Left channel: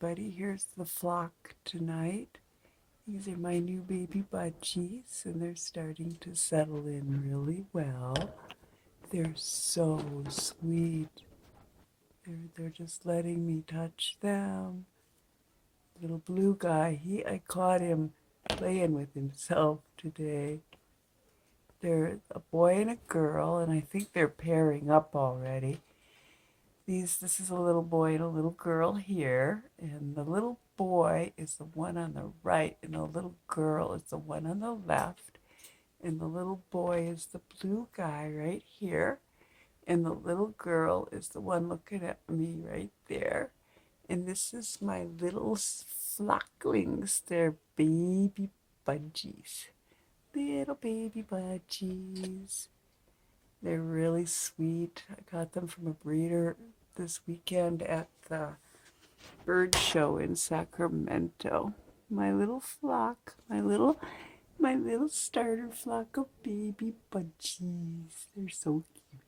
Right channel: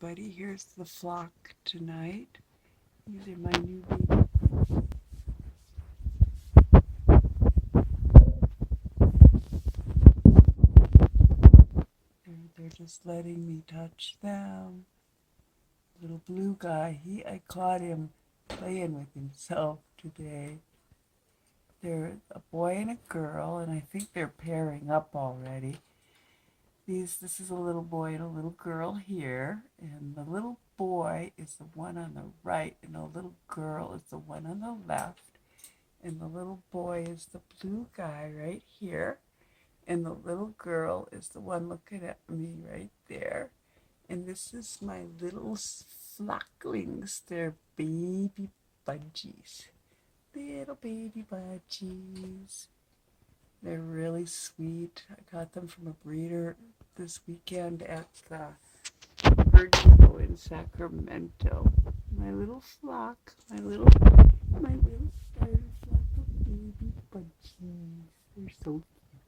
everybody. Here's the flock tonight. These are my new baby budgies, and they're starting to settle in really well. They're so sweet. They're just letting me touch them. Little blue guy, I caught him playing with himself today. They're a boy and a girl, and I think they're pairing up already. This is a little boy and a little girl here, and the little boy is the one on the right, and the little girl is the one on the left, and the little boy is the blue guy right here, and the little girl is the one looking at me right there. And this is my little flocklings. They're baby budgies. Little baby budgies. They're really sweet. I got them from a breeder this weekend at the bird show in Sacramento. My little flock, my little starter flock of baby budgies. They're so cute.